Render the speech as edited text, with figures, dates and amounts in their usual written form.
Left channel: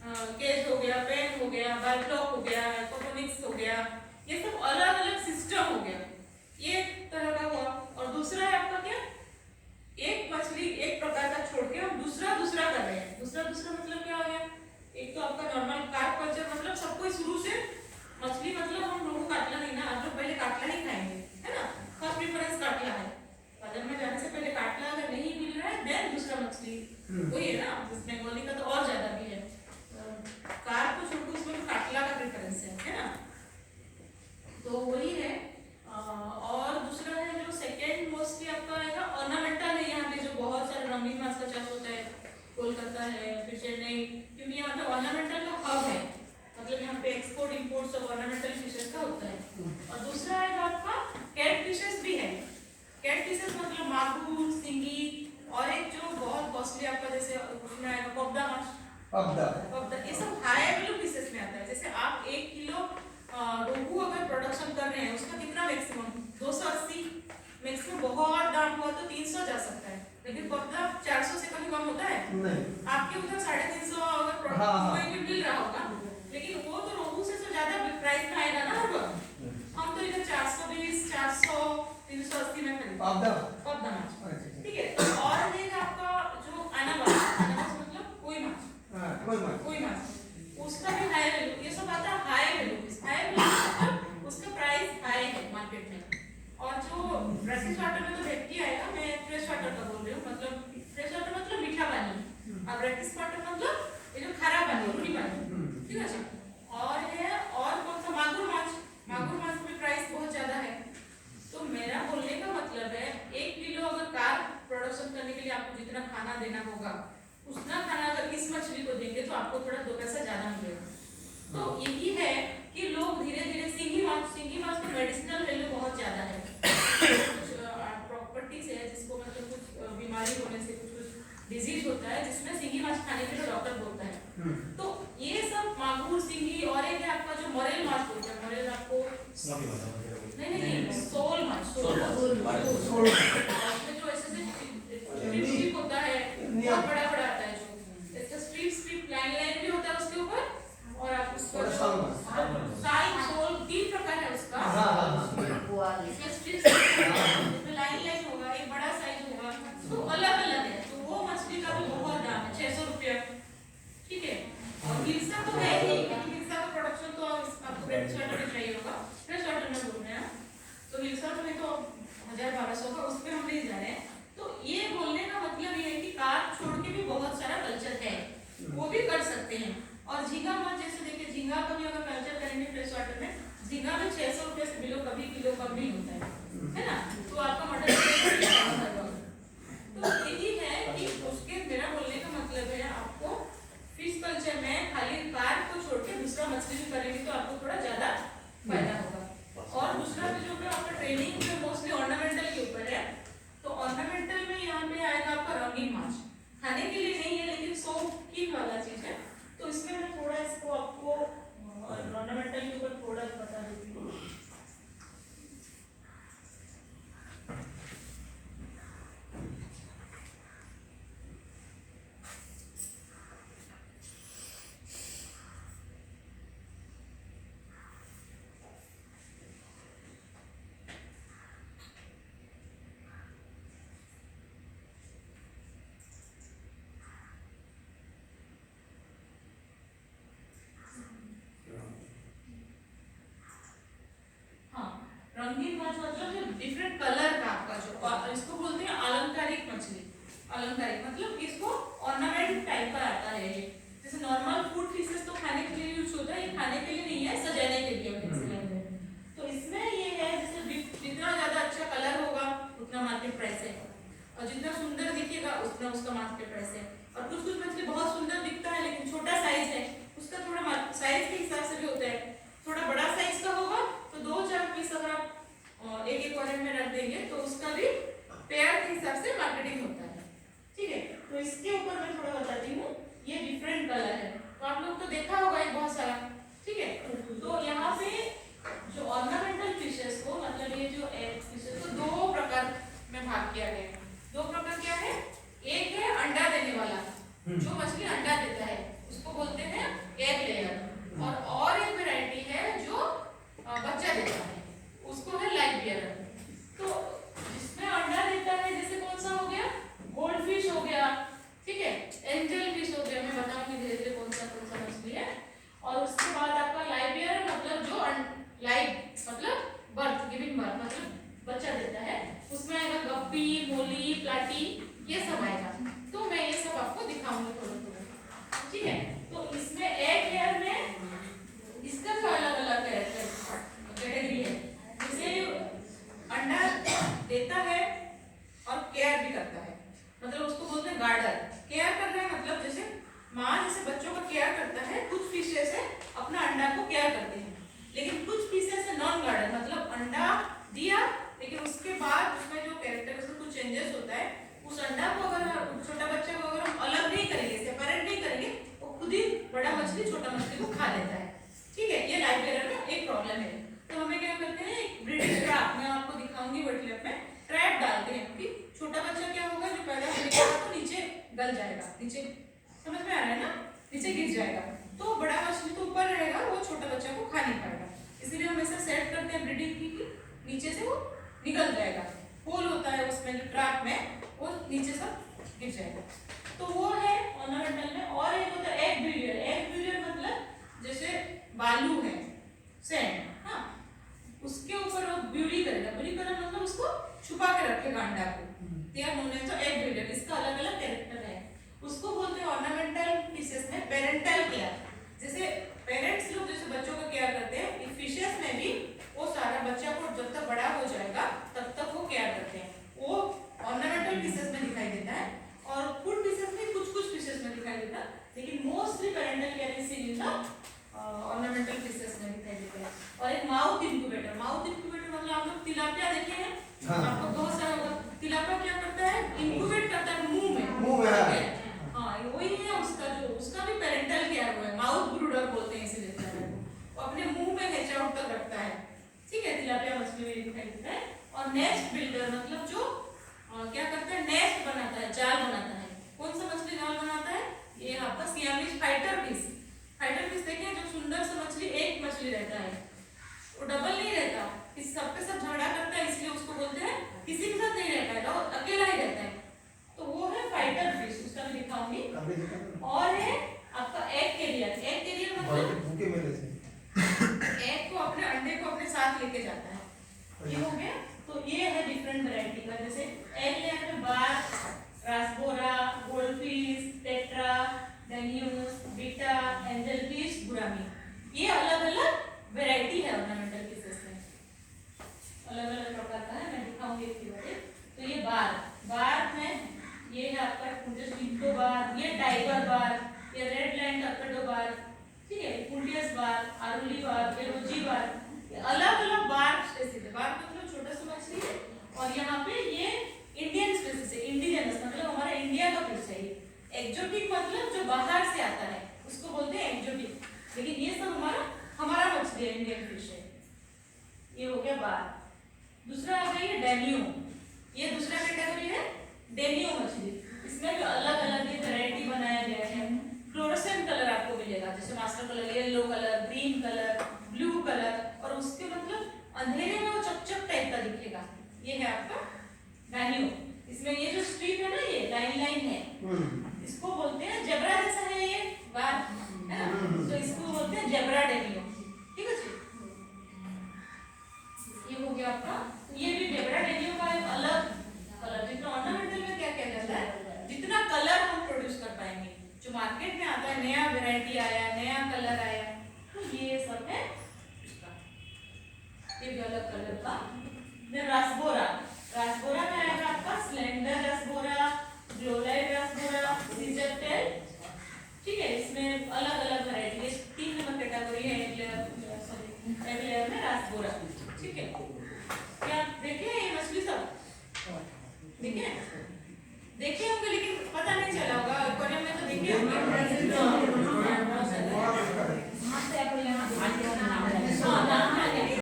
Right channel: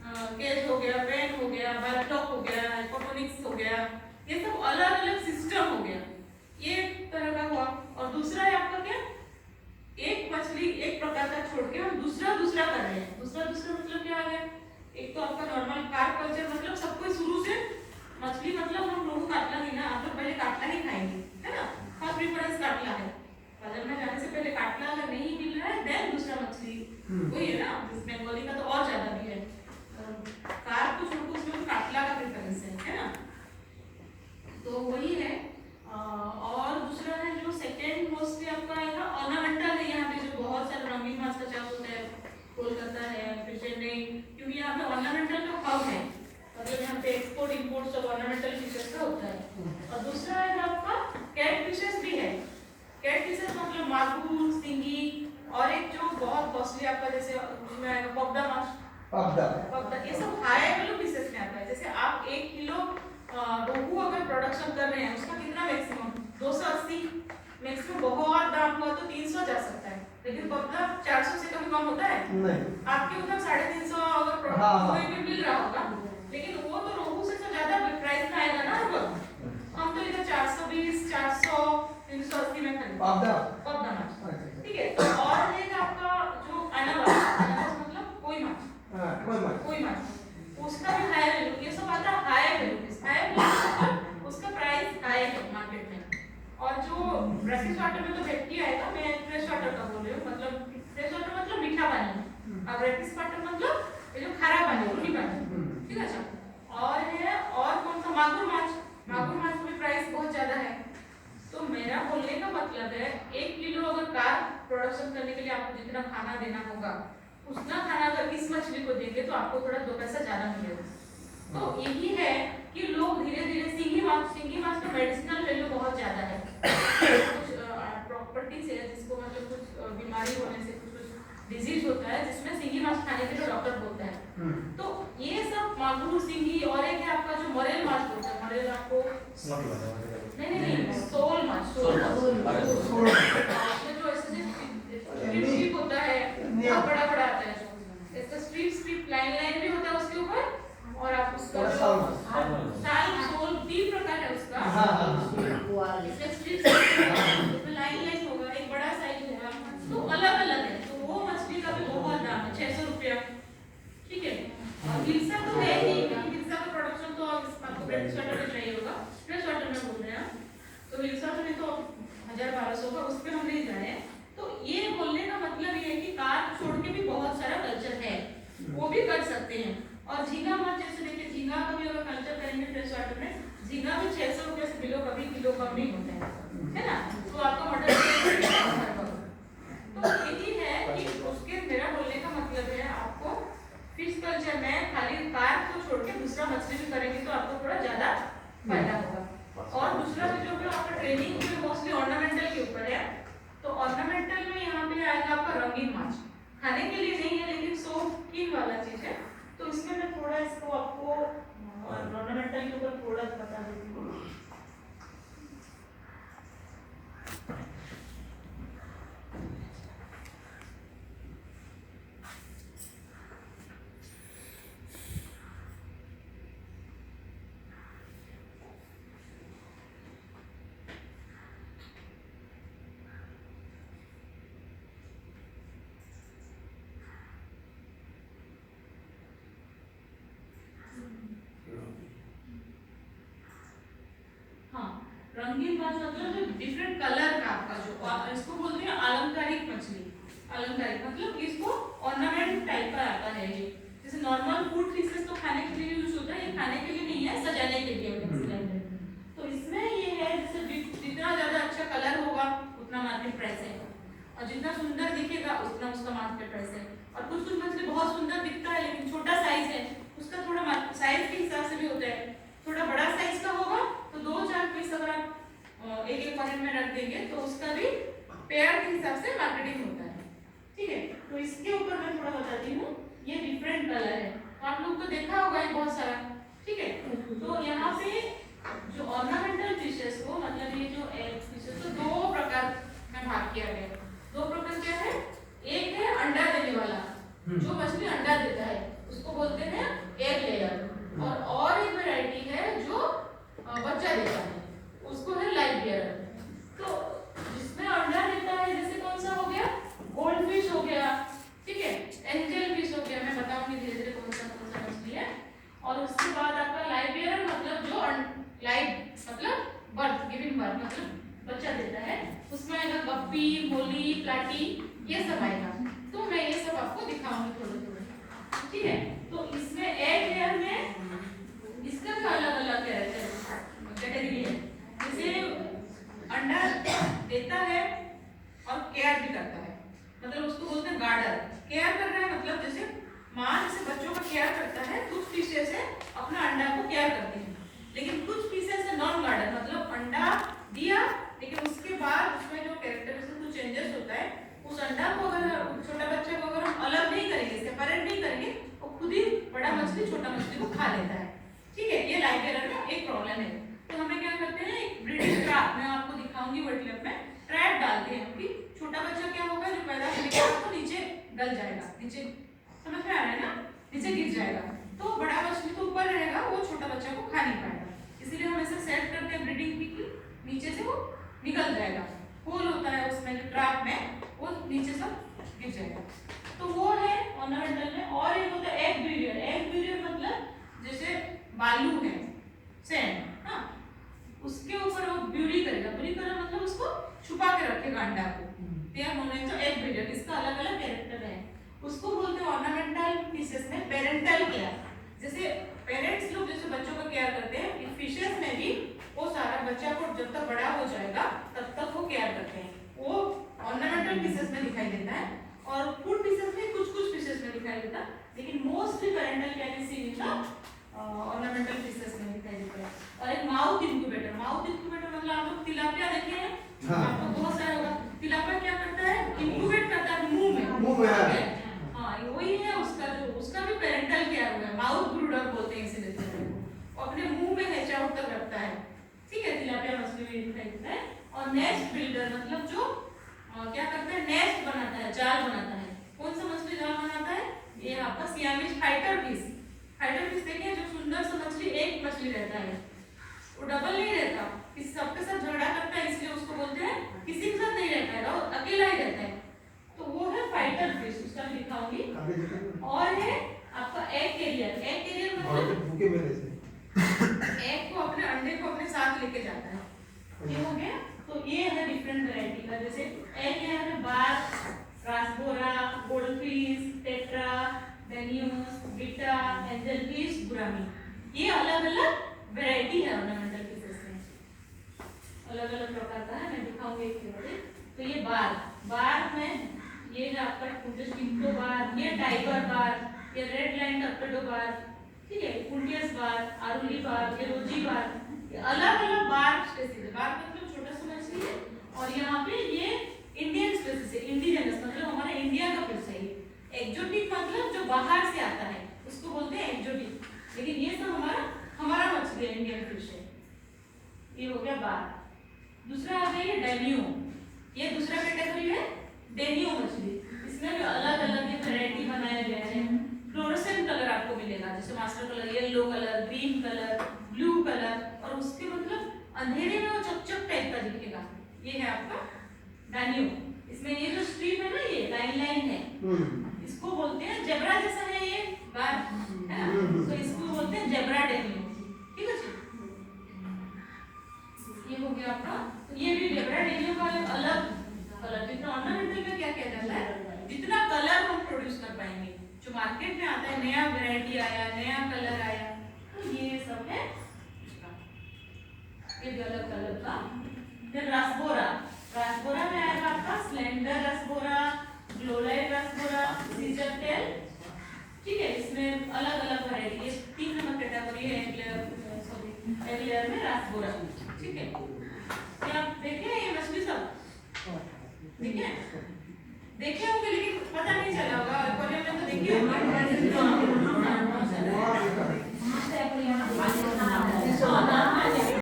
Cage हो गया, pen हो गया, बायोफ्लॉक हो गया, हाइपोटोनिक्स हो गया, ये सब अलग अलग सिस्टम हो गया, ये एक तरह का हुआ। और दूसरा है आपका क्या, एक मछली एक प्रकार का छोड़ के हम दूसरा कर रहे हैं। दूसरा मतलब क्या आ गया, एक तो आपका नॉर्मल कार्प कल्चर, मतलब सब कोई शुरू से मछली, मतलब हम लोग काटला नहीं ना, आप लोग पहले काटला ही खाएंगे, है ना, फर्स्ट प्रेफरेंस काटला है। बाजार में जाने से पहले काटला अगर नहीं मिल रहा है देन दूसरा मछली, वही है ना, बंगाली का तो और ज्यादा भी है, कार्प को छोड़ के उसमें काटला का प्रेफरेंस है ना, तो वही है। और दूसरा है जो सेकेंड मोस्टली आपका आएगा ऑर्नामेंटल है, यहाँ पे जो बहुत सारे रंगीन माछ का चाष होता है, कोलकाता है, फिर चेन्नई, क्योंकि यहाँ पे ऑर्नामेंटल का हब है, मतलब यहाँ पे एक्सपोर्ट इंपोर्ट सब ऑर्नामेंटल फिशेस का होता है। और दूसरा है आपका कैट फिशेस भी है, कैट फिशेस मतलब मागुर, सिंगी, और एक जो बहुत कॉस्टली आपका जैसे उसमें आएगा पबदा माछ, पबदा, ये सब हाई वैल्यू फिशेस में आता है। जैसे आप 1 किलो रोहू अगर प्रोडक्शन कर रहे हैं, उसका कितना मैक्सिमम 280, मैक्सिमम बहुत दाम हुआ तो 300 जा सकता है, लेकिन पबदा 400 से कभी कम होता है नहीं, आपके उधर 350 अगर कोई भी मिल रहा होगा, लेकिन वो तो रोहू से तो ज्यादा प्राइस में आएगा ना हर वक्त, हम तो इधर 420, 400, 380 में खरीदते पबदा माछ, ठीक है। और ये आपका जो अनानास मतलब कोई माछ, उसका भी हाई वैल्यू, ये सब आता है हाई वैल्यू, उसका प्राइस हाई है मार्केट में। और जो ब्रैकिश वाटर में तो व्यक्ति आएगा, मैं फ्रेश वाटर का बोल रही हूँ, मतलब फ्रेश वाटर मतलब मीठा पानी, और ब्रैकिश वाटर मतलब ये जो खारा पानी, रूनी पानी, ठीक है। अच्छा, और है और कौन सा, मागुर माछ का भी प्राइस बहुत ज्यादा है। तो मेरा बोलने का मतलब है 1 किलो अगर कार्प प्रोडक्शन करने के लिए आपको जितना खाना देना होगा, उतना खाना अगर इस मछली को देंगे तो आपको थोड़ा 2 पैसा ज्यादा मिलेगा। तो यही है कि लोग धीरे धीरे सिंगी माछ का मेडिसिनल वैल्यू बहुत ज्यादा है, कुछ प्रॉपर्टीज है जिसको मतलब कुछ बीमारी होने से कुछ डिजीज होता है जिसमें सिंगी माछ खाने के लिए डॉक्टर बोलता है। तो ये सब मागुर, सिंगी, और एक है आपका जो मरेल माछ बोलता है, मरेल आपको नहीं सोल माछ, जो ऐसे होता है, बहुत बड़ा आता है, जो इसका स्ट्रिप लाइन भी होता है उसके ऊपर, और आप उसका साल सोल 3 प्रकार है उसका, इसमें स्ट्रिप लाइन होगा, एक बड़ा साइज होगा, तो अलग अलग है। तो वो मछली का भी बहुत दाम है, 600 रुपया, ठीक है। और हिल्सा तो है ही, क्योंकि हिल्सा का प्रोडक्शन तो आपको फ्रेश वाटर में चाहिए होगा, फ्रेश वाटर में बोल रहे हैं, तो हिल्सा में तो 1000-1200 का, उस पर हम नहीं जा रहे हैं। तो ये बोलने का मतलब ये है कि कार्प छोड़ के भी बहुत सारा कल्चर है, वो भी कर सकते हैं। और झींगा माछ जैसे देखिए, झींगा का भी अगर कल्चर करेंगे फ्रेश वाटर में, झींगा में 600 रुपये से बिलो कभी किलो कम नहीं होता है ना, तो आपका मटन तो यही है कि उसके, मेरा बोलने का मतलब है आपको फिश कल्चर में खाली कार्प को छोड़ के दूसरा मछली भी करेंगे तो आपको थोड़ा ज्यादा फायदा होगा। और दूसरा भी जो आपका ट्रेनिंग जो मोस्टली ऑर्नामेंटल के ऊपर है, तो ऑर्नामेंटल में यहाँ पे आएगा आपका रंगीन माछ, खाने के लिए नहीं है लेकिन शौकीन वाला चीज है, तो इसमें मैं थोड़ा इसको आपको ऑर्नामेंटल के ऊपर थोड़ा बता देती हूँ। रंगीन माछ मतलब डिफरेंट कलर का आपका जो, इसको बोलते हैं अलंकारिक मछली, अलंकारिक मतलब इसको ऑर्नामेंट टाइप का आता है ये, जैसे नॉर्मल फूड फिशेस तो खाने के लिए यूज होता है, ये खाने के लिए नहीं है, सजाने के लिए। तो इसमें ये है जैसे जितना ज्यादा अच्छा कलर होगा उतना मार्केट प्राइस है, और जितना सुंदर दिखेगा उतना उसका मार्केट प्राइस है। और कुछ मछली बहुत सुंदर दिखता है लेकिन छोटा साइज है, उसका थोड़ा साइज के हिसाब से भी होता है, थोड़ा बड़ा साइज का होगा तो 2-4 पीस अगर आप एक पॉकेट में रख देंगे तो उसका भी पेयर के हिसाब से मार्केटिंग होता है, ठीक है। तो इसके ऊपर मैं थोड़ा बताती हूँ, ये डिफरेंट कलर है, तो आप लोग तो देखा होगा ये बहुत सारा, ठीक है। तो यहाँ पे जो ऑर्नामेंटल फिशेस को, मतलब ये जो फिशेस को 2 प्रकार में भाग किया गया है। 2 प्रकार क्या है, एक है अंडा देने वाला, जो मछली मछली अंडा देता है उसको बोलते हैं एग लेयर, और एक वैरायटी है जो बच्चा देता है उसको है लाइव लेयर। तो जिसमें अंडा देता है जैसे कौन सा हो गया, गोल्ड फिश हो गया, ठीक है, एंजल फिश हो गया, मैं बताऊंगी धीरे धीरे कौन सा मछली है। और उसके बाद आपका लाइव लेयर मतलब जो लाइव मतलब बर्थ गिविंग बर्थ मतलब बच्चा देता है, उसमें आएगा गप्पी, मोली, प्लाटी, ये सब आएगा। तो मैं ये सब आपको दिखाऊंगी थोड़ा थोड़ा, ठीक है। तो इसमें एग लेयर में इसका भी अलग अलग कैटेगरी है, जैसे अंडा देता है और केयर भी करता है, मतलब उसको बोलते हैं गार्डर। केयर कर रहा है मतलब जैसे माँ जैसे बच्चों का केयर करता है, कुछ फिशेस है अपना अंडा को केयर करते हैं, लेकिन कुछ फिशेस है नॉन गार्डर, मतलब अंडा दिया लेकिन उसके बाद उसमें जो कैरेक्टरिस्टिक कुछ चेंजेस होता है, उस अंडा को अगर छोटा बच्चा को अगर हम अलग नहीं करेंगे, सेपरेट नहीं करेंगे, वो खुद ही बड़ा मछली छोटा मछली को खा लेता है, ठीक है। ये लाइव लेयर में एक प्रॉब्लम है। तो हमें क्या करते हैं, एक ब्रीडिंग ट्रैप मैं आपको दिखाऊंगी वर्ड में, ट्रैप डालते हैं कि छोटा बच्चा क्या होगा जो पैदा होने के बाद तो नीचे गल जाएगा, नीचे समझ में आ रहा है ना, नीचे गिर जाएगा, तो बड़ा मछली तो ऊपर रहेगा, वो छोटा बच्चा को खा नहीं पाएगा। इसीलिए हम ऐसे सेट करते हैं ब्रीडिंग की नीचे से वो निकल जाएगा, होल होता है उसमें जो ट्रैप में, वो नीचे सब गिर जाएगा। तो वो है ऑर्नामेंटल में। और एक होता है एग ब्रीडर। एग ब्रीडर मतलब जैसे बालू है, सैंड, हाँ, उसके ऊपर वो ब्यूरी करेगा, ब्यूरी करेगा मतलब उसको छुपा के रखेगा अंडा को, तैयार होने तो एग ब्रीडर। इसका अलग अलग कैरेक्टर है, उसको बोलते हैं ऑर्नामेंटल फिशेस में पेरेंटल केयर। जैसे पेरेंट्स लोग जैसे बच्चों का केयर करते हैं, इन फिशेस में भी वो सारा बच्चा को जब तक बड़ा हो जाएगा तब तक वो केयर करते हैं, वो ऑर्नामेंटल फिशेस में दिखाई देता है। और फूड फिशेस में कुछ कुछ फिशेस में दिखाई देता है, लेकिन mostly parental care is seen in the ornamental fishes में दिखाई देता है। और एक माउथ इंक्यूबेटर। माउथ इंक्यूबेटर मतलब आप लोग तिलापिया देखे हैं, आपको बहुत सारा होगा। तिलापिया क्या करता है, इंक्यूबेट करता है मुंह में, हाँ वही है उसका, जो उसका भी पेरेंटल केयर हुआ है, माउथ ब्रूडर बोलते हैं इसीलिए वो अपने मुंह में हेच आउट तक रखता है, ठीक है। तिलापिया मछली में दिखाई देता है। और नेस्ट बिल्डर मतलब जो क्या करता है, नेस्ट बनाता है, जाल बनाता है। कौन सा मछली जाल बनाता है, ये आपका Siamese fighter fish. Fighter fish देखिए, जो सुंदर सा मछली एक मछली रहता है, वो डबल नहीं रहता, किसी सबके साथ झगड़ा करता है, इसलिए उसको बोलते हैं, किसी के साथ नहीं रहता है, और अकेला ही रहता है, तो वो है फाइटर फिश, उसका भी दिखाऊंगी। और है आपका एग कैरियर। एग कैरियर मतलब एग को अपने अंडे को अपने साथ लेके जाता है, ये हो गया। तो ये है डिफरेंट वैरायटी का, जैसे एग लेयर में बार, रासबोरा, गोल्डफिश, टेट्रा, डेनियस, बीटा, एंजलफिश, गुरामी, ये अलग अलग वैरायटी है ऑर्नामेंटल फिशेस में, अलग अलग प्रकार का है, मैं दिखाऊंगी एक एक। तो ये बार में ये है आपका जो स्पिंटो बार, ये टाइगर बार, ये रेड लाइन टर्पेडो बार, ठीक है, पुंटियस बार, आरुली बार, ये रोजी बार, ये अलग अलग बार स्पेसीज है। बार मतलब छोटा सा मछली है, और यहाँ पे ये इंडियन स्पेसीज है, इंडिजिनस मतलब हमारे इंडिया का फिश है। ये एक्जोटिक मतलब जो बाहर से आता है उसको बोलते हैं एक्जोटिक, लेकिन ये सब हमारा मछली है, इंडियन फिश है। ये हो गया बार। दूसरा आ गया डेनियो, ये दूसरा कैटेगरी है डेनियो मछली। इसमें भी अलग अलग ये वैरायटी बनाया गया है। फ्लोरोसेंट कलर आपको मिलेगा, जैसे master colour, yellow colour, green colour, blue colour, और उसके मतलब अंधेरे में वो चकचक टाइप का दिखेगा, ये है आपका डेनियो। इसमें ये जो स्ट्रीप है ना, ये लाइन है, इसको बोलते हैं जेब्रा जैसा है ये बार, है ना, तो इसको बोलते हैं जेब्रा डेनियो, ठीक है जी। ये हो गया आपका, ये भी जेब्रा डेनियो का एक अलग कलर। जितना ऑर्नामेंटल में क्या कहता है, जितना कलर हम प्रोड्यूस कर पाएंगे, जो मार्केट में आता है, नया वैरायटी आया, नया कलर आया, तो ये सब है, ये भी अलग कलर का। फिर रासबोरा, रासबोरा में आएगा आपका स्लेंडर रासबोरा, ग्लोराइड रासबोरा, सीजर टेल, ठीक है। इसमें अलग अलग वैरायटी है, 3 नंबर कैटेगरी है एग लेयर में रासबोरा, ठीक है। क्या देखे ये मछली सब देखे होंगे, लेकिन पता नहीं चला होगा, कॉलेज में तो देखे होंगे।